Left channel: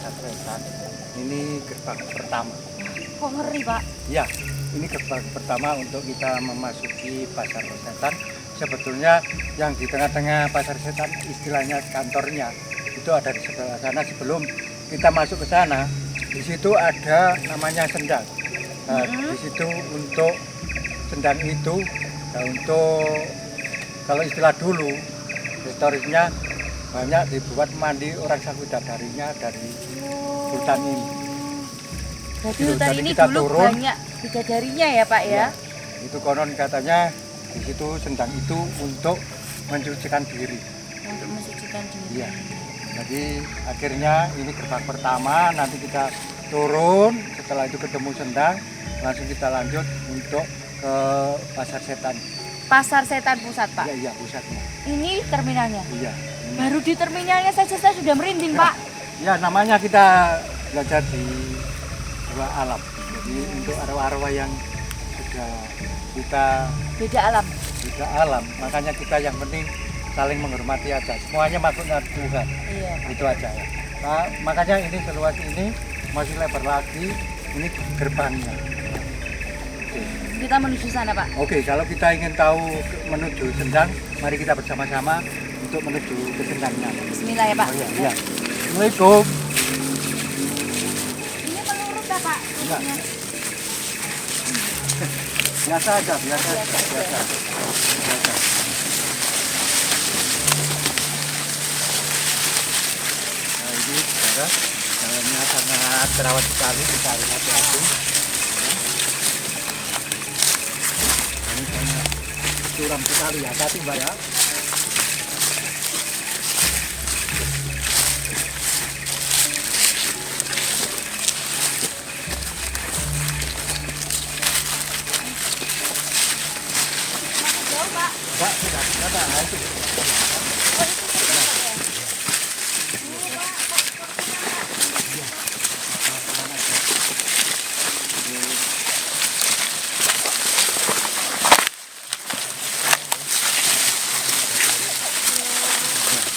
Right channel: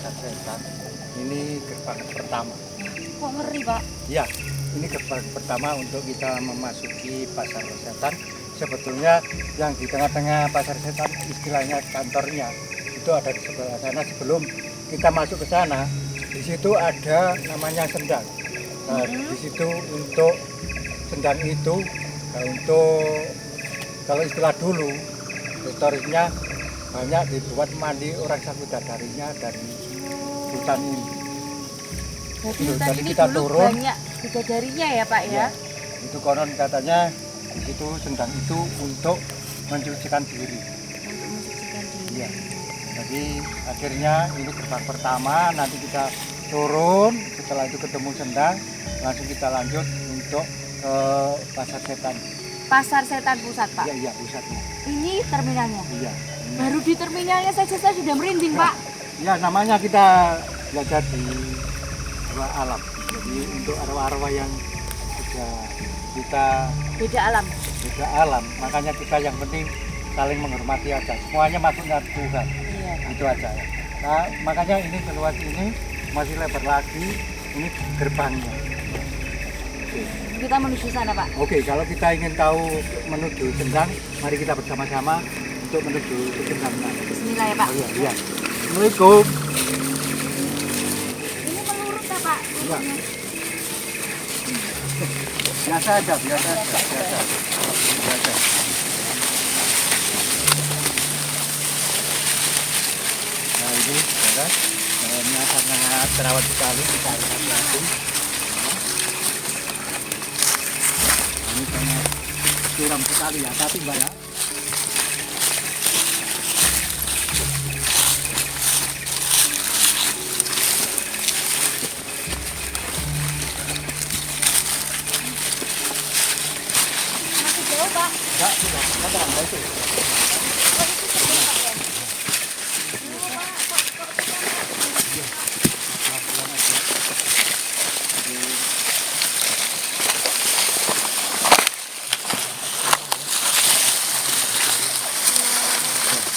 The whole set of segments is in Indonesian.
Pasar Setan. Ini gerbang pertama. Kok ngeri, Pak? Ya, ini gerbang pertama untuk kita memasuki Pasar Setan. Sebetulnya yang di tengah-tengah Pasar Setan istilahnya kantornya itu ada di sebelah sana. Sebelum kita masuk ke sana, di situ ada namanya sendang. Nah, di situ untuk sendang itu, nah untuk kalau istilah dulu historisnya banyak dibuat mandi orang Sakudadarinya dari hutan ini. Jadi Gitu, hutan jadi ini kita dulu turun. banyak bidadarinya ya, Pak ya? Ya, itu konon katanya di situ sendang itu untuk mencucikan diri. Untuk mensucikan diri. Iya. Jadi akhirnya ini gerbang pertama, nanti kita turun, setelah itu ketemu sendang, langsung kita lanjut untuk ke Pasar Setan. Pasar Setan Pusat, Pak. Iya, iya pusatnya. Ini terminalnya. Iya. Ini. Baru di terminalnya saja saya sudah merinding, Pak. Ya namanya kita belajar di dua alam. Jadi untuk arwah-arwah yang sudah kita Beda alam. beda alam, makanya kita yang penting saling menghormati aja. Semuanya makhluknya Tuhan. Iya. Itu aja ya. Nah, makanya ini seluas ini masih lebar lagi. Ini gerbangnya. Oke. Kita menuju sana, Pak. Oke, kalau kita ingin tahu menuju Sendang, mari kita bersama-sama untuk menuju ke Sendangnya. Bismillah ya, Pak. Oh, iya, iya. Assalamualaikum. Ini melurut ya, Pak? Iya. Biasa aja, biasa aja. Biasa. Nah ini saudara, jalannya sangat terawat sekali, kita harus hati-hati. Ini sangat curam sekali ya, hati Mbak ya. Masih jauh, Pak. Mbak, sudah ada, nah itu. Oh, itu sebelum, Pak ya?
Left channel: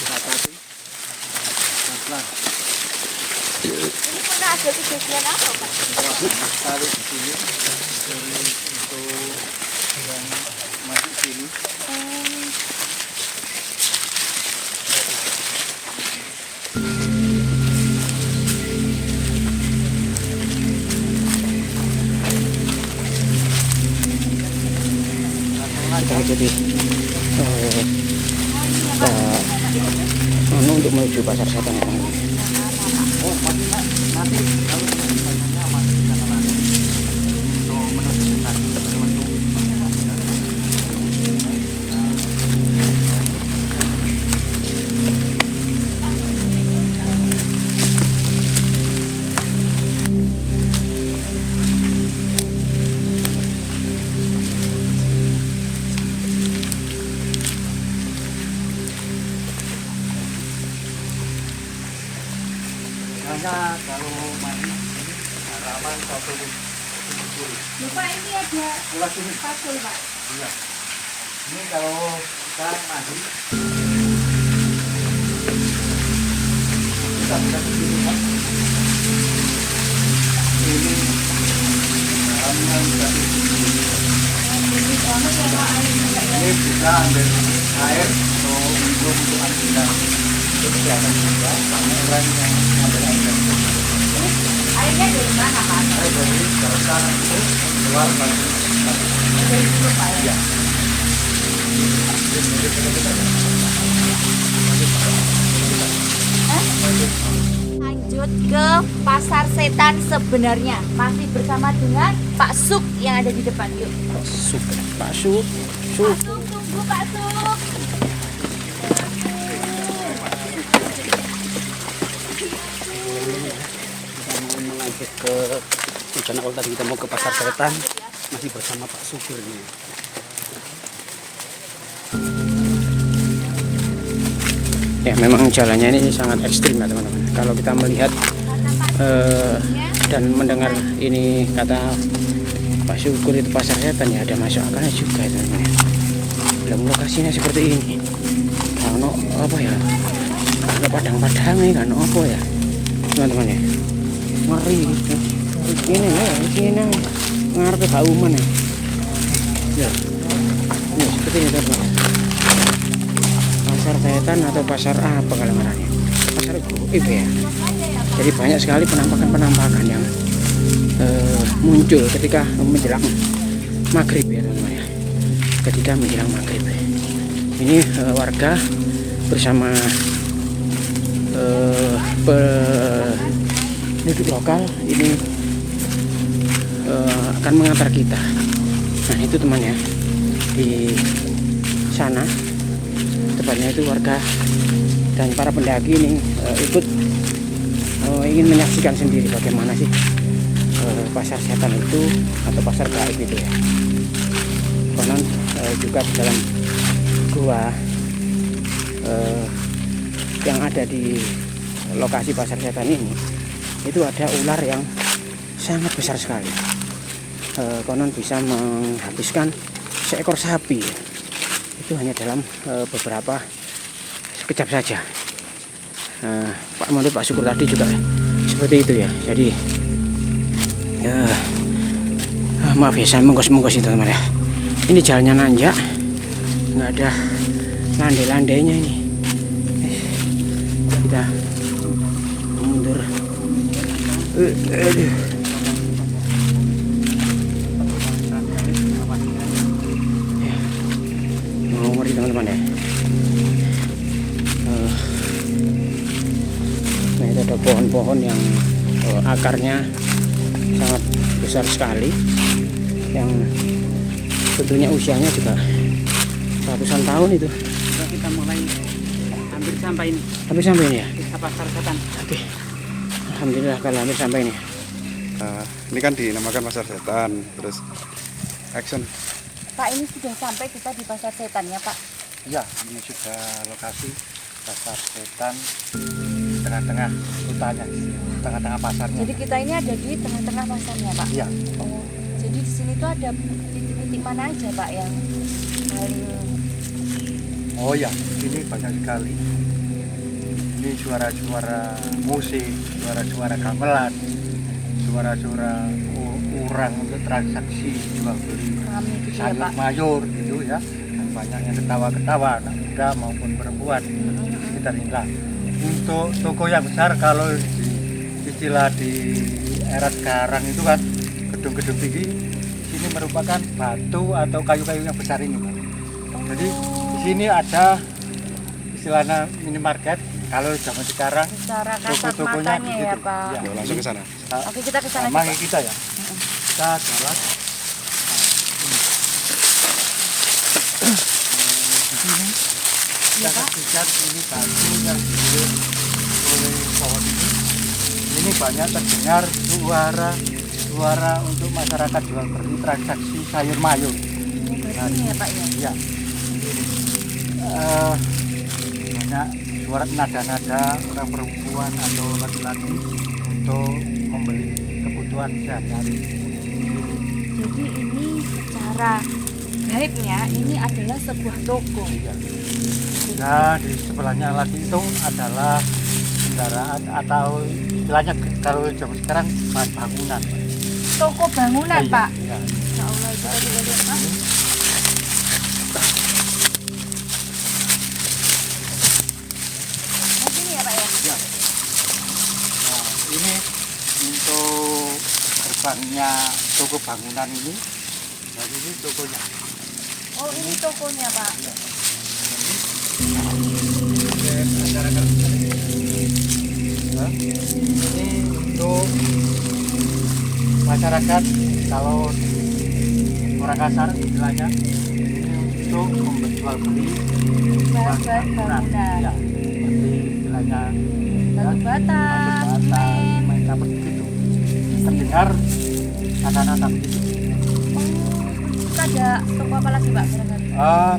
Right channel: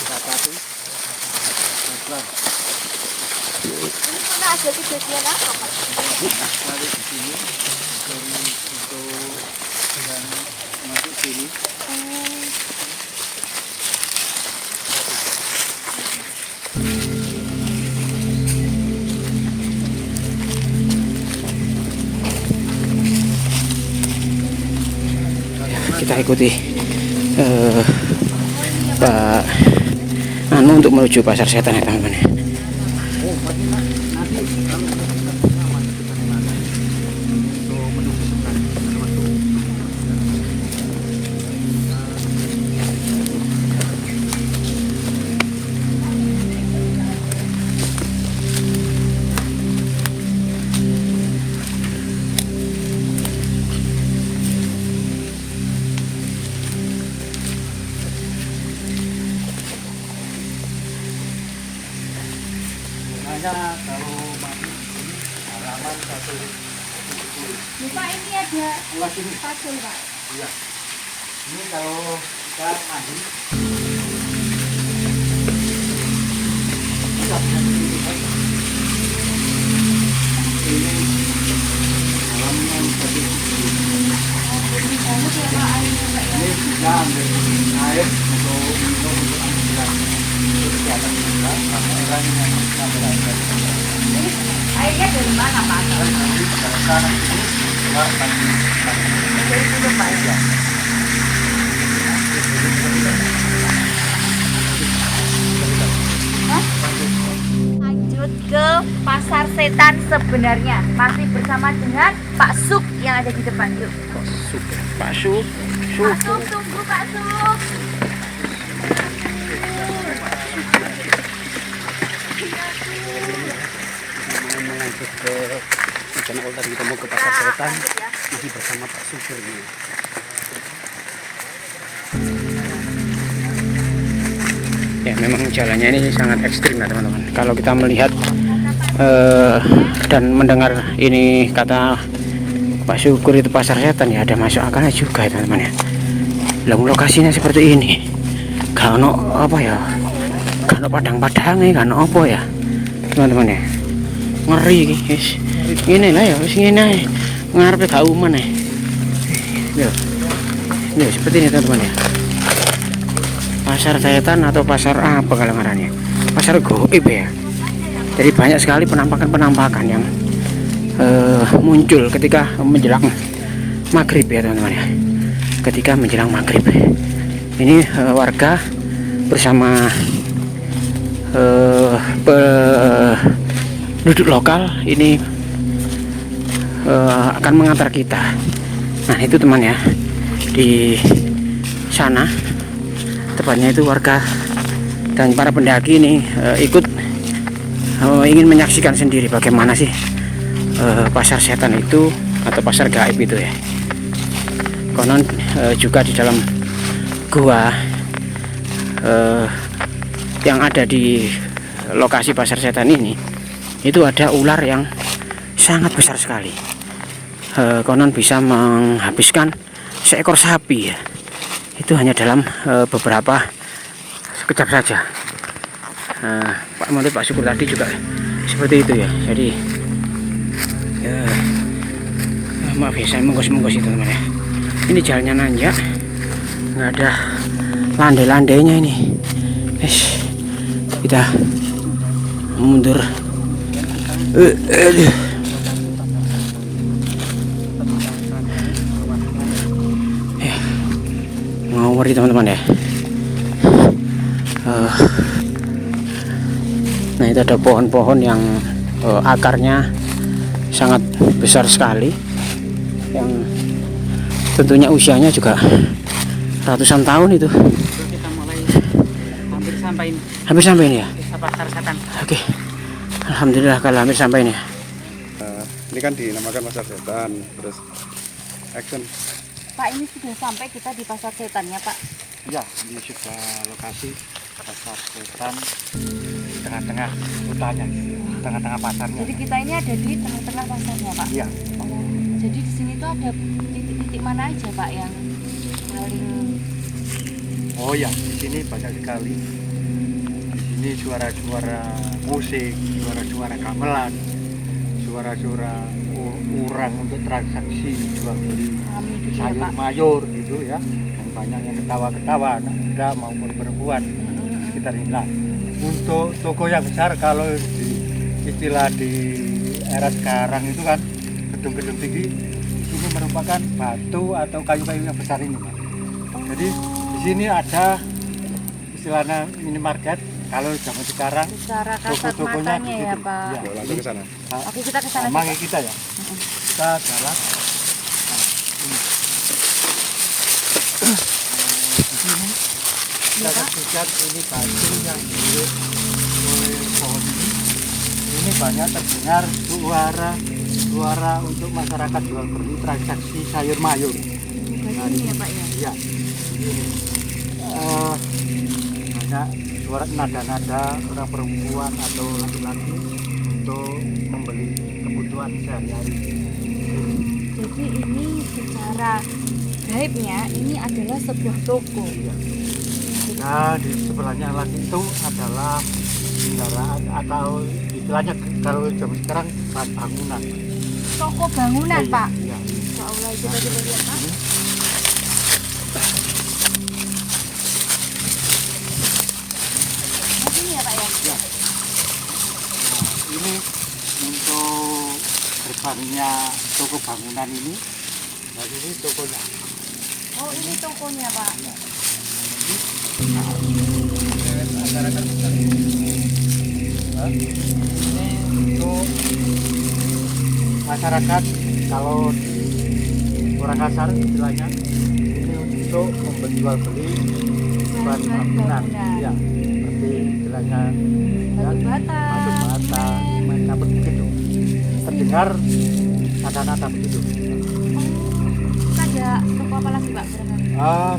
Hati-hati. Pelan-pelan. Ini pernah ada kejadian apa, Pak? Tarik di sini, dari untuk yang masuk sini. Kita ikuti Pak Anu untuk menuju Pasar Setan ya teman-teman. Oh, masih nanti kalau menuju pasarnya masih di sana lagi untuk menuju Sendang pada waktu. Biasanya kalau mandi di sini halaman 170. Lupa ini ada Luas ini. pasul, Pak. Iya. Ini kalau kita mandi kita bisa di sini kan. Ini halaman 170. Ini banget ya, Pak, airnya, Pak ya. Ini bisa ambil air untuk minum untuk ambilan itu kesehatan juga sama orang yang ngambil air dari sini. Ini airnya dari mana, Pak? Air dari dasar ini keluar lagi. Dari dulu, Pak ya. Ya. Lanjut ke Pasar Setan sebenarnya. Masih bersama dengan Pak Suk yang ada di depan. Yuk. Pak Suk, Pak Suk, tunggu Pak Suk. lanjut ke channel tadi kita mau ke Pasar Setan masih bersama Pak Supir ini. Ya memang jalannya ini sangat ekstrim ya teman-teman. Kalau kita melihat dan mendengar ini kata Pak Syukur itu Pasar Setan, ya ada masuk akalnya juga ya teman-teman ya. Lalu lokasinya seperti ini, kalau apa ya, kalau padang-padang ini kan apa ya, teman-teman ya. Ngeri iki guys. Ini lah ya wis ngene ae. Ngarepe gak umen ya. Ini seperti ini teman-teman ya. Pasar setan atau pasar apa kalau ngarannya? Pasar gaib ya. Jadi banyak sekali penampakan-penampakan yang muncul ketika menjelang maghrib ya teman-teman ya. Ketika menjelang maghrib. Ini warga bersama penduduk lokal ini akan mengantar kita. Nah itu teman ya, di sana tepatnya itu warga dan para pendaki ini ikut ingin menyaksikan sendiri bagaimana sih pasar setan itu atau pasar gaib itu ya. Konon juga di dalam gua yang ada di lokasi pasar setan ini itu ada ular yang sangat besar sekali. Konon bisa menghabiskan seekor sapi ya. Itu hanya dalam beberapa sekejap saja. Pak menurut Pak Syukur tadi juga seperti itu ya. Jadi maaf ya saya menggos-menggos itu teman ya. Ini jalannya nanjak, nggak ada landai-landainya ini. Kita mundur. Ngeri teman-teman ya. Nah itu ada pohon-pohon yang akarnya sangat besar sekali, yang tentunya usianya juga ratusan tahun itu. Kita mulai Hampir sampai ini ya. desa pasar setan. Oke, alhamdulillah kalau hampir sampai ini. Ini kan dinamakan pasar setan, terus action. Pak, ini sudah sampai kita di pasar setan ya Pak? Ya, ini sudah lokasi pasar setan di tengah-tengah hutannya, tengah-tengah pasarnya. Jadi kita ini ada di tengah-tengah pasarnya Pak? Iya. Oh, jadi di sini tuh ada titik-titik mana aja Pak yang paling... Oh ya, di sini banyak sekali. Di sini suara-suara musik, suara-suara gamelan, suara-suara orang untuk transaksi jual beli Rame gitu ya sayur Pak? mayur gitu ya. Dan banyak yang ketawa-ketawa, anak muda maupun perempuan sekitar inilah. Untuk toko yang besar, kalau di istilah di era sekarang itu kan gedung-gedung tinggi, di sini merupakan batu atau kayu-kayu yang besar ini Pak. Jadi di sini ada istilahnya minimarket. Kalau zaman sekarang Secara kasat toko-tokonya matanya ya gitu. Pak? Ya, Langsung ke sana. Oke, kita ke sana. mari kita ya. Kita jalan. Di sini Iya, kita Pak. lihat ini batu yang dililit oleh pohon ini. Ini banyak terdengar suara untuk masyarakat jual beli transaksi sayur mayur. Ini batunya ya Pak ya? Iya. Ini. Banyak suara nada-nada orang perempuan atau laki-laki untuk membeli kebutuhan sehari-hari. Jadi ini secara gaibnya ini adalah sebuah toko. Nah, di sebelahnya lagi itu adalah kendaraan atau istilahnya kalau jam sekarang bahan bangunan. Toko bangunan Iya, Pak? iya. Insya Allah itu tadi lihat Pak. Mungkin ya Pak ya? Ya. Nah, ini untuk gerbangnya toko bangunan ini. Nah, ini tokonya. Oh ini tokonya Pak? Ya. Jadi, masyarakat sekali. Nah, ini untuk masyarakat, kalau orang kasar istilahnya, ini untuk jual beli Bahan-bahan bangunan. Ya, seperti istilahnya Batu bata, batu bata, semen. main kapur begitu. Terdengar nada-nada begitu. Oh, terus ada toko apa lagi Pak barangkali?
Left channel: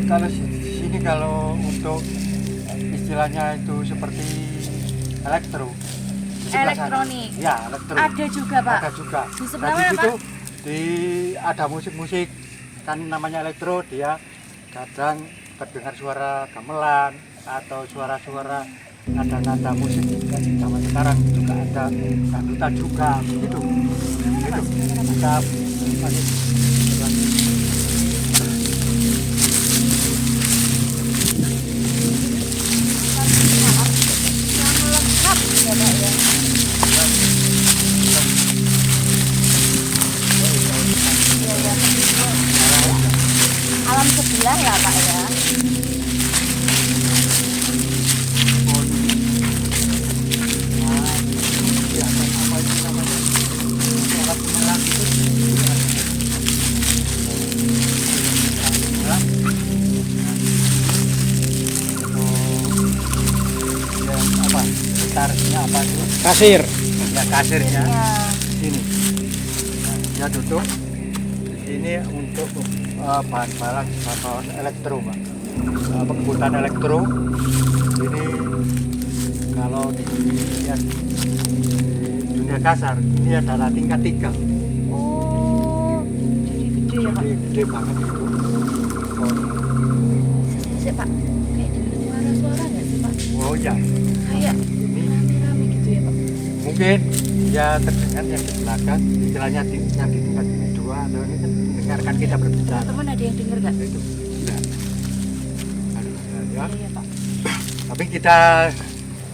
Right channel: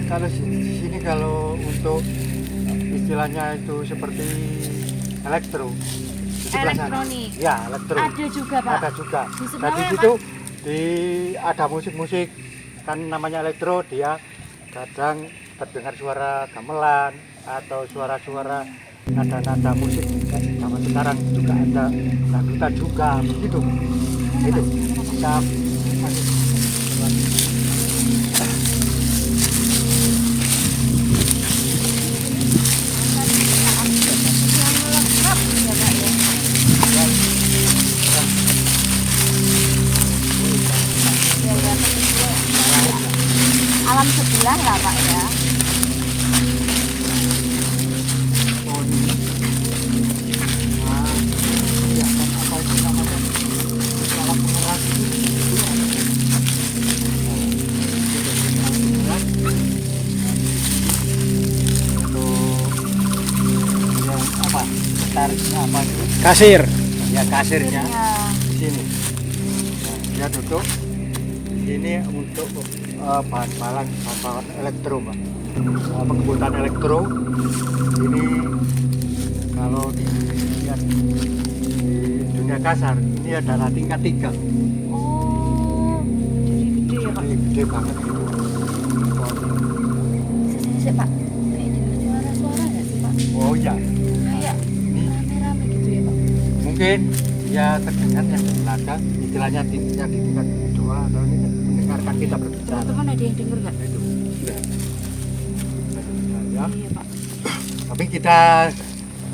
Kalau di sini kalau untuk istilahnya itu seperti elektro. Di sebelah sana. Elektronik. Ya, elektro. Ada juga Pak? Ada juga. Di sebelah Nah, di mana, situ ada musik-musik, kan namanya elektro, dia kadang terdengar suara gamelan atau suara-suara nada-nada musik zaman sekarang juga ada dangdutan juga begitu. Itu kita masih berlanjut. Yang lengkap ya Pak ya. Ya, ya. Ya, ya. Alam sebelah ya Pak ya. Oh, ini. Nah, ya, apa itu namanya? Itu alat pemeras itu dulu ada. Nah, itu yang alat pemeras. Nah, di sini untuk yang apa? Sekretarisnya apa itu? Kasir. Ya kasirnya Ya. di sini. Nah, dia duduk. Ini untuk bahan elektro, Mbak. Pengangkutan elektro. Ini kalau di dunia kasar ini adalah tingkat 3. Oh, jadi gede ya Pak. Jadi gede banget itu. Sih Pak, kayak dengar suara-suara nggak sih Pak? Oh ya, Kayak ini rame-rame gitu ya Pak. mungkin ya terdengar yang di belakang, istilahnya yang di tingkat 2 atau ini kan mendengarkan kita berbicara. Teman-teman ada yang dengar nggak? Itu. Iya. Nah, ya. Iya Pak. Tapi kita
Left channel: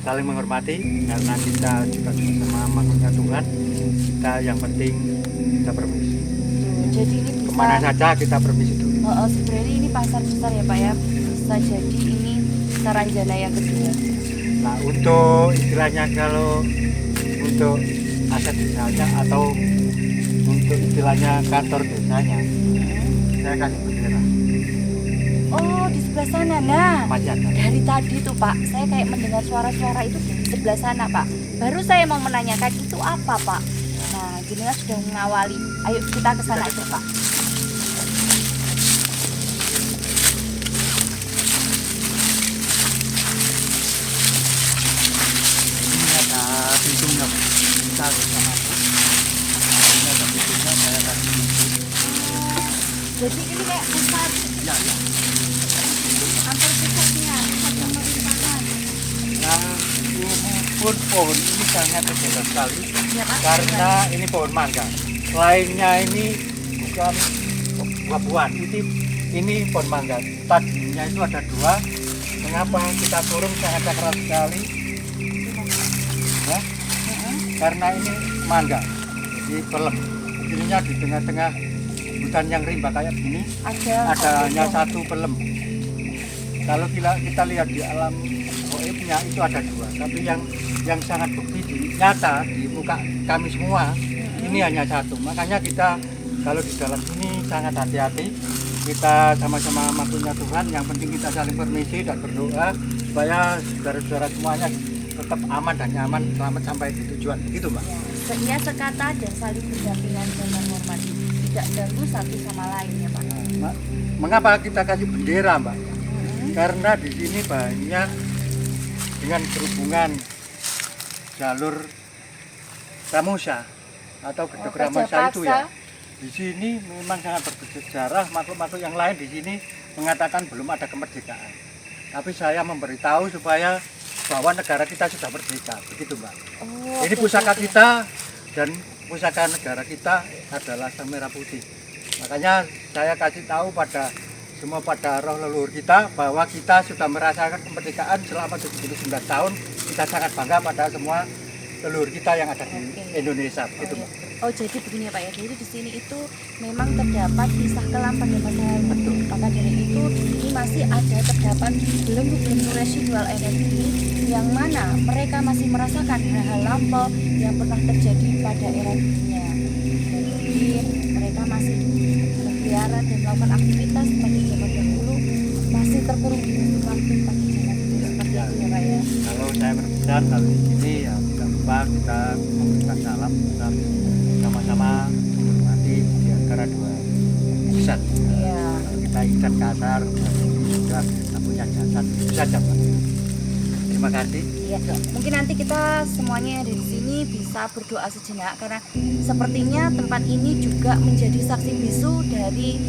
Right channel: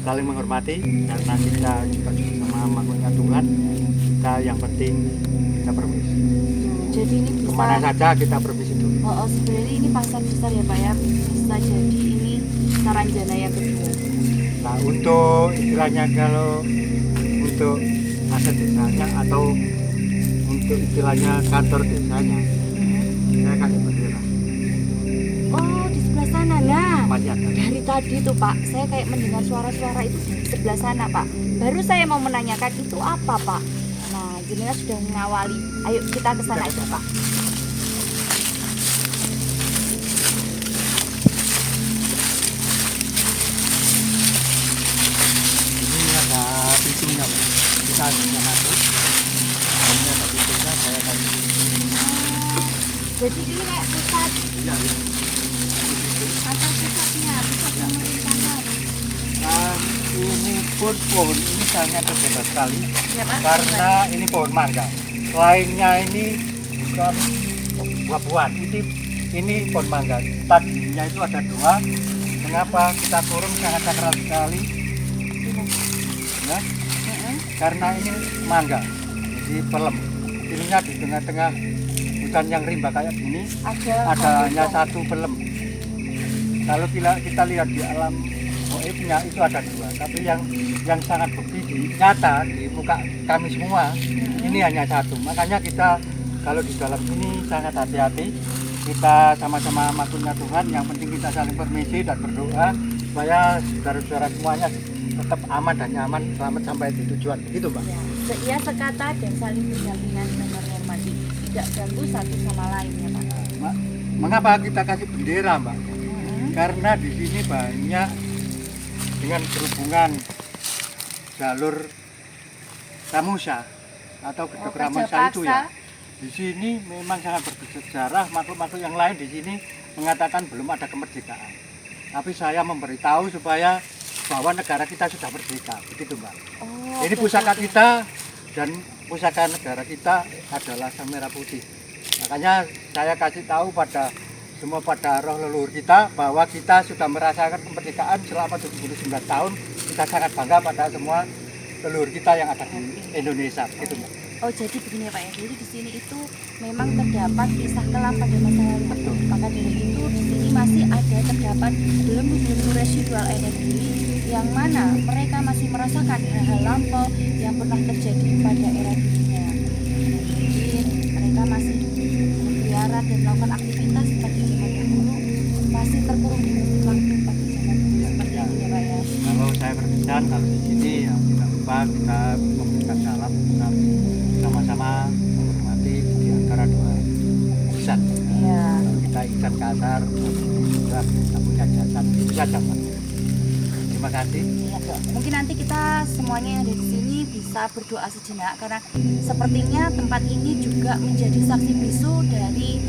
saling menghormati karena kita juga sama makhluknya Tuhan. Kita yang penting kita permisi. Tuh, jadi ini bisa. Kemana saja kita permisi dulu. Sebenarnya ini pasar besar ya Pak ya. Bisa jadi ini Karanjana yang kedua. Nah untuk istilahnya kalau untuk aset desanya atau untuk istilahnya kantor desanya, saya kasih bendera. Oh, di sebelah sana. Nah, Masih ada. dari tadi tuh Pak, saya kayak mendengar suara-suara itu di sebelah sana Pak. Baru saya mau menanyakan itu apa Pak. Nah, jenengan sudah mengawali. Ayo kita ke sana aja Pak. Ini ada pintunya, Pak. Kita bisa masuk. Nah, ini ada pintunya, saya kasih pintu. Jadi ini kayak pusat Ya, ya. Ini pintu. kantor pusatnya, pusat pemerintahan. Nah, ini pun pohon ini sangat berbeda sekali Ya Pak. karena ini pohon mangga. Lainnya ini bukan buah-buahan, ini pohon mangga. Tadinya itu ada 2. Mengapa kita kurung sangat keras sekali? Ya, karena ini mangga, jadi pelem. Ininya di tengah-tengah hutan yang rimba kayak gini, ada hanya 1 pelem. Kalau kita lihat di alam goibnya itu ada 2, tapi yang sangat bukti di nyata di muka kami semua ini hanya 1. Makanya kita kalau di dalam ini sangat hati-hati. Kita sama-sama makhluknya Tuhan. Yang penting kita saling permisi dan berdoa supaya saudara-saudara semuanya tetap aman dan nyaman selamat sampai di tujuan. Begitu Mbak. Ya, sekata dan saling berdampingan dan menghormati, tidak ganggu satu sama lain ya Pak. Mengapa kita kasih bendera Mbak? Karena di sini banyak dengan berhubungan jalur Ramusa atau Gedek Ramusa itu ya. Di sini memang sangat bersejarah. Makhluk-makhluk yang lain di sini mengatakan belum ada kemerdekaan. Tapi saya memberitahu supaya bahwa negara kita sudah merdeka. Begitu Mbak. Oh, Ini pusaka kita dan pusaka negara kita adalah sang merah putih. Makanya saya kasih tahu pada semua pada roh leluhur kita bahwa kita sudah merasakan kemerdekaan selama 79 tahun. Kita sangat bangga pada semua leluhur kita yang ada di Indonesia. Begitu Mbak. Oh jadi begini ya Pak ya, jadi di sini itu memang terdapat kisah kelam pada masa lalu. Betul. Maka dari itu di sini masih ada terdapat belenggu-belenggu residual energi yang mana mereka masih merasakan hal-hal lampau yang pernah terjadi pada era dunia. Dan mungkin mereka masih berkeliaran dan melakukan aktivitas pada zaman dahulu, masih terkurung di waktu pada zaman dulu seperti itu ya Pak ya. Kalau saya berpesan kalau di sini ya tidak lupa kita memberikan salam dan sama-sama menghormati di antara 2 insan. Ya. Kalau kita insan kasar, ini sudah tidak punya jasad. Itu saja Pak. Terima kasih. Ya, mungkin nanti kita semuanya yang ada di sini bisa berdoa sejenak karena sepertinya tempat ini juga menjadi saksi bisu dari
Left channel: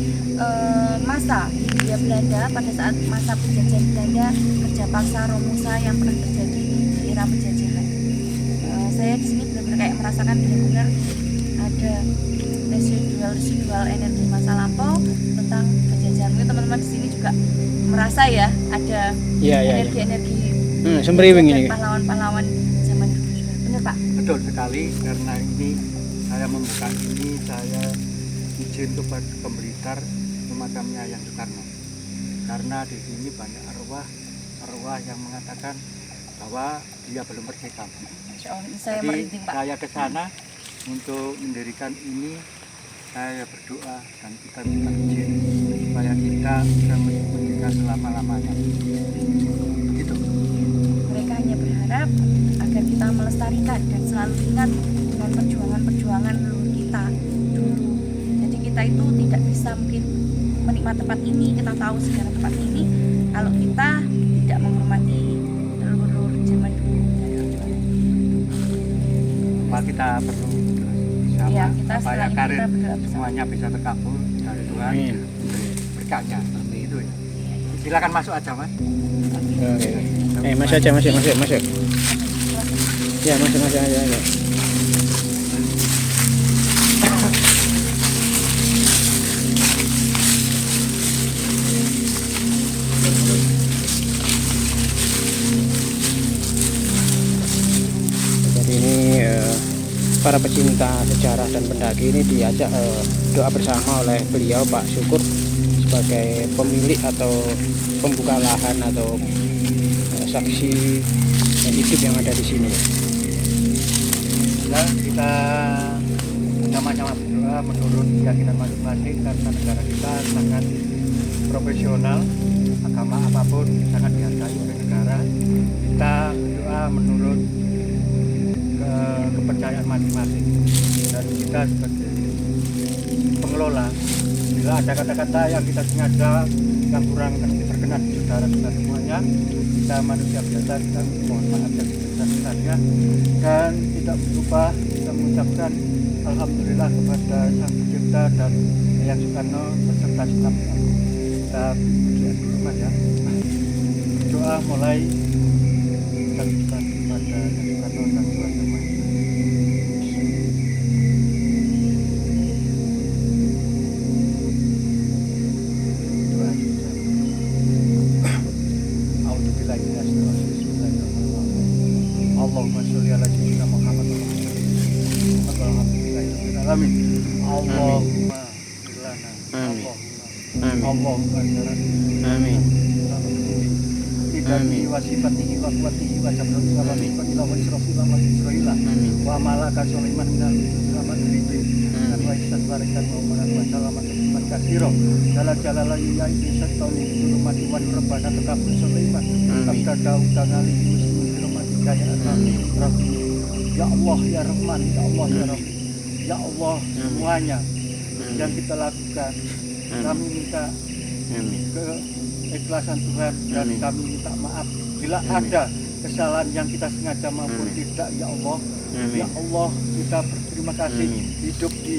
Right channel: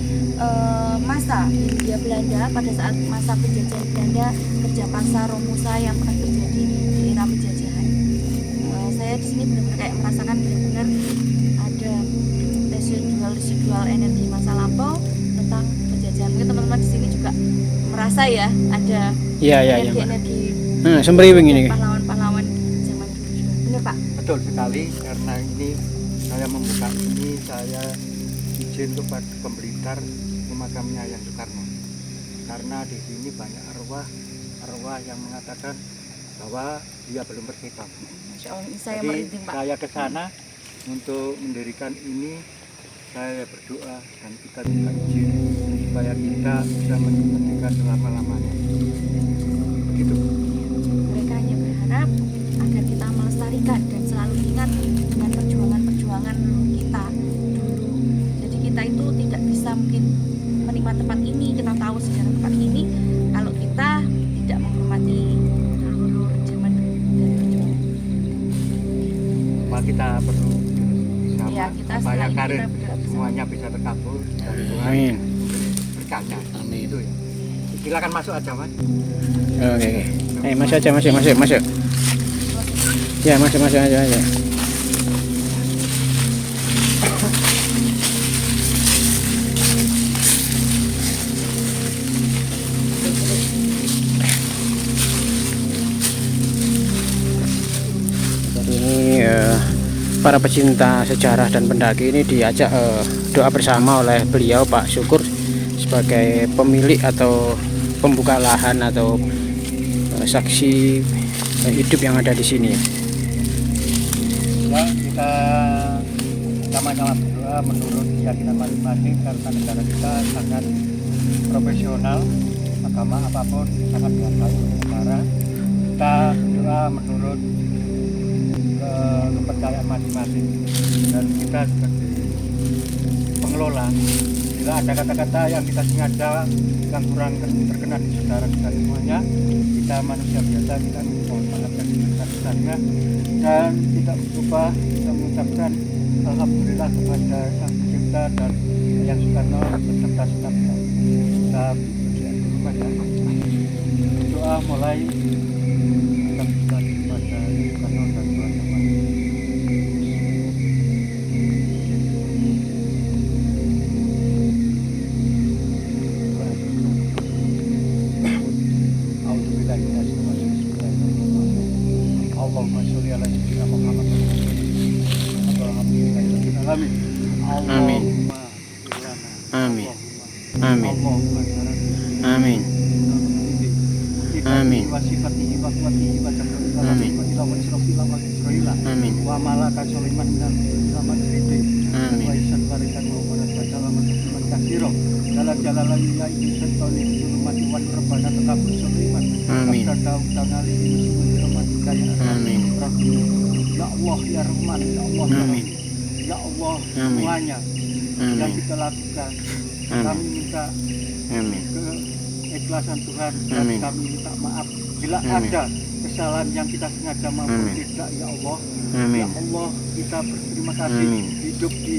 masa Hindia Belanda pada saat masa penjajahan Belanda, kerja paksa Romusa yang pernah terjadi di era penjajahan. Saya di sini benar-benar kayak merasakan benar-benar ada residual energi masa lampau tentang penjajahan. Mungkin teman-teman di sini juga merasa ya ada energi-energi sembriwing ini. pahlawan-pahlawan zaman dulu juga. Benar Pak? Betul sekali, karena ini saya membuka ini, saya izin kepada pemberita pemakamnya Yayan Soekarno. Karena di sini banyak arwah yang mengatakan bahwa dia belum merdeka. Insya Allah, saya Jadi merinding Pak. saya ke sana untuk mendirikan ini. Saya berdoa dan kita minta izin supaya kita bisa merdeka selama-lamanya. Begitu. Mereka hanya berharap agar kita melestarikan dan selalu ingat dengan perjuangan-perjuangan leluhur kita dulu. Jadi kita itu tidak bisa mungkin menikmati tempat ini, kita tahu sejarah tempat ini, kalau kita tidak menghormati leluhur zaman dulu dari perjuangan. Maka kita perlu bersama Ya, kita supaya setelah ini karir kita berdoa bersama. semuanya bisa terkabul dari Tuhan. Amin. Berkahnya. Itu ya. Silakan masuk aja, Mas. Oke. Masuk aja, masuk. Ya, masuk aja. Jadi ini para pecinta sejarah dan pendaki ini diajak doa bersama oleh beliau Pak Syukur sebagai pemilik atau pembuka lahan atau saksi hidup yang ada di sini. Ya, kita sama-sama berdoa menurut keyakinan masing-masing, karena negara kita sangat profesional, agama apapun sangat dihargai oleh negara. Kita berdoa menurut kepercayaan masing-masing, dan kita sebagai pengelola, bila ada kata-kata yang kita sengaja yang kurang berkenan di saudara kita semuanya, kita manusia biasa, kita mohon maaf dan sebesar-besarnya, dan tidak lupa kita mengucapkan alhamdulillah kepada Sang Pencipta dan Yayan Soekarno beserta stafnya. Kita berdoa dulu Mas ya. Doa mulai kita berikan kepada Yayan Soekarno dan Tuhan Yang Maha. Allahumma sholli ala sayyidina Muhammad wa ala alihi alamin. Allahumma firlana. Amin. Amin. Allahumma syarati. Amin. Amin. Wa sifatihi wa quwwatihi wa tabrihi wa barikatihi wa israfi wa israila. Amin. Wa malaka Sulaiman minal selamat ribi. Dan wa ihsan barakat wa umarat wa salamat tasliman katsira. Jalala ya ibni syaitani zulumati wa rabbana takabur Sulaiman. Amin. Abda Daud tangali muslimin birahmatika ya Amin. Rahim. Ya Allah ya Rahman, ya Allah ya Amin. Rahim. Ya Allah, Amin. semuanya Amin. yang kita lakukan, Amin. kami minta Amin. keikhlasan Tuhan, dan Amin. kami minta maaf bila Amin. ada kesalahan yang kita sengaja maupun Amin. tidak. Ya Allah, Amin. ya Allah, kita berterima kasih Amin. hidup di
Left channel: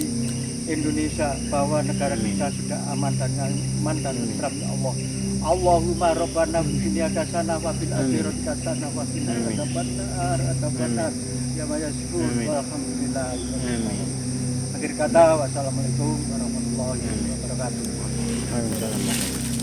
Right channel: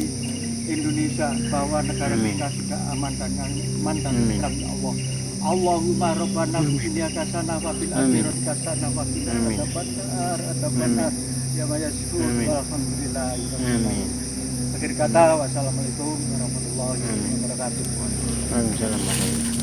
Indonesia, bahwa negara Amin. kita sudah aman dan nyaman dan Amin. tentram. Ya Allah, Allahumma rabbana fid hasanah wa fil Amin. akhirati hasanah wa qina Amin. adzabannar ya mayasifun. Amin. Walhamdulillah. Amin. Akhir kata, wassalamualaikum warahmatullahi wabarakatuh. Waalaikumsalam.